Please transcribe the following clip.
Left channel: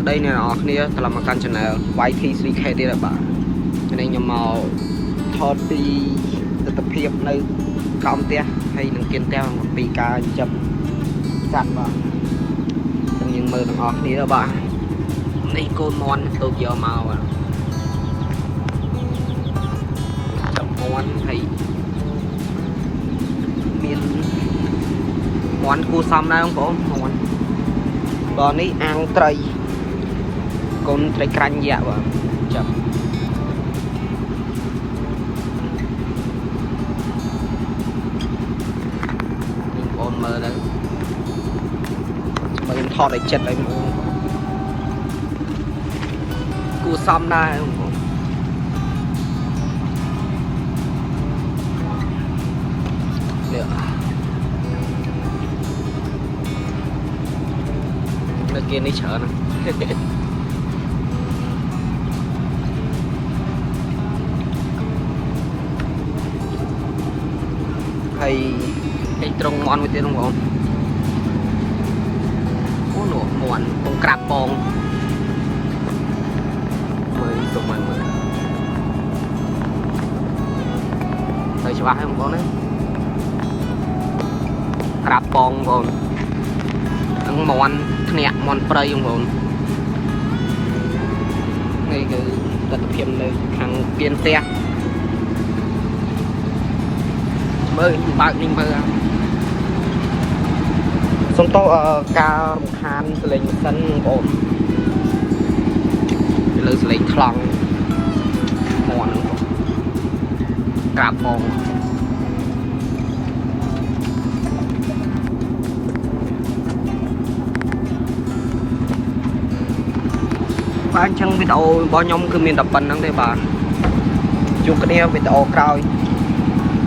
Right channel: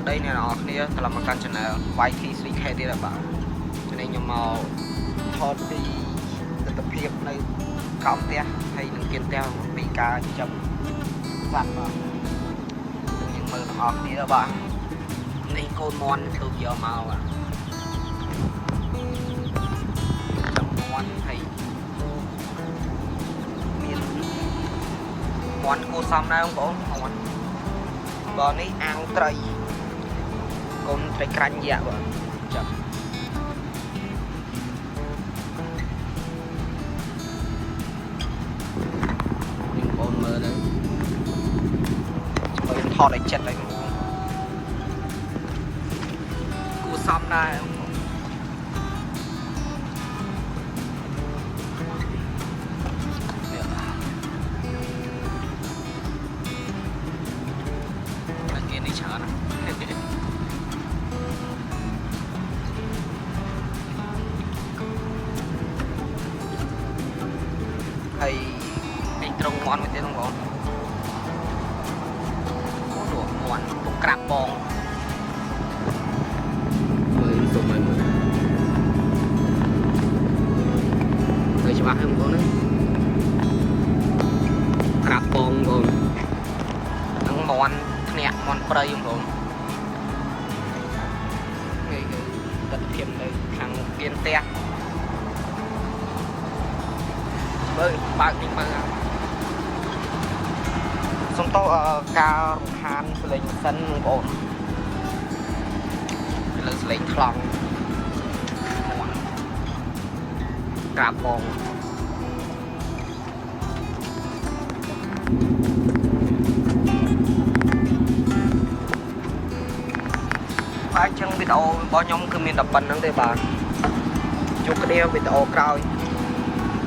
ស្ដីអ្នកនរគ្នាត្រឡប់មកកាន់ channel YT3K ទៀតបាទនេះខ្ញុំមកថតពីទស្សនភាពនៅក្រោមផ្ទះហើយនឹងគៀនផ្ទះអំពីការចាប់សត្វបាទយើងមើលទាំងអស់គ្នាបាទនេះកូនមន់ទៅយកមកបាទចាប់មន់ហើយមានមន់គូសំដែរបងប្អូនបាទនេះអាំងត្រីកូនត្រីក្រាញ់យ៉ាបាទចាប់នេះបងមើលទៅខ្ញុំថតឲ្យចិត្តឲ្យមកគូសំដែរkiaនេះច្រើនហើយឯត្រង់មន់មួយទៀតបងប្អូនអូនោះមន់ពងក្រាបបងមើលសុំមើលទៅច្បាស់ហើយបងប្អូនណាក្រាបបងបងនឹងមន់ញាក់មន់ព្រៃបងប្អូននេះគឺទស្សនភាពនៅខាងពៀនផ្ទះមើលបើកនេះមើលសុំតោការរំខានសលេងសិនបងប្អូនលើសលេងខ្លងមន់ហ្នឹងបងក្រាបបងអញ្ចឹងវីដេអូរបស់ខ្ញុំគឺមានតែប៉ុណ្្នឹងទេបាទជួបគ្នាវីដេអូក្រោយ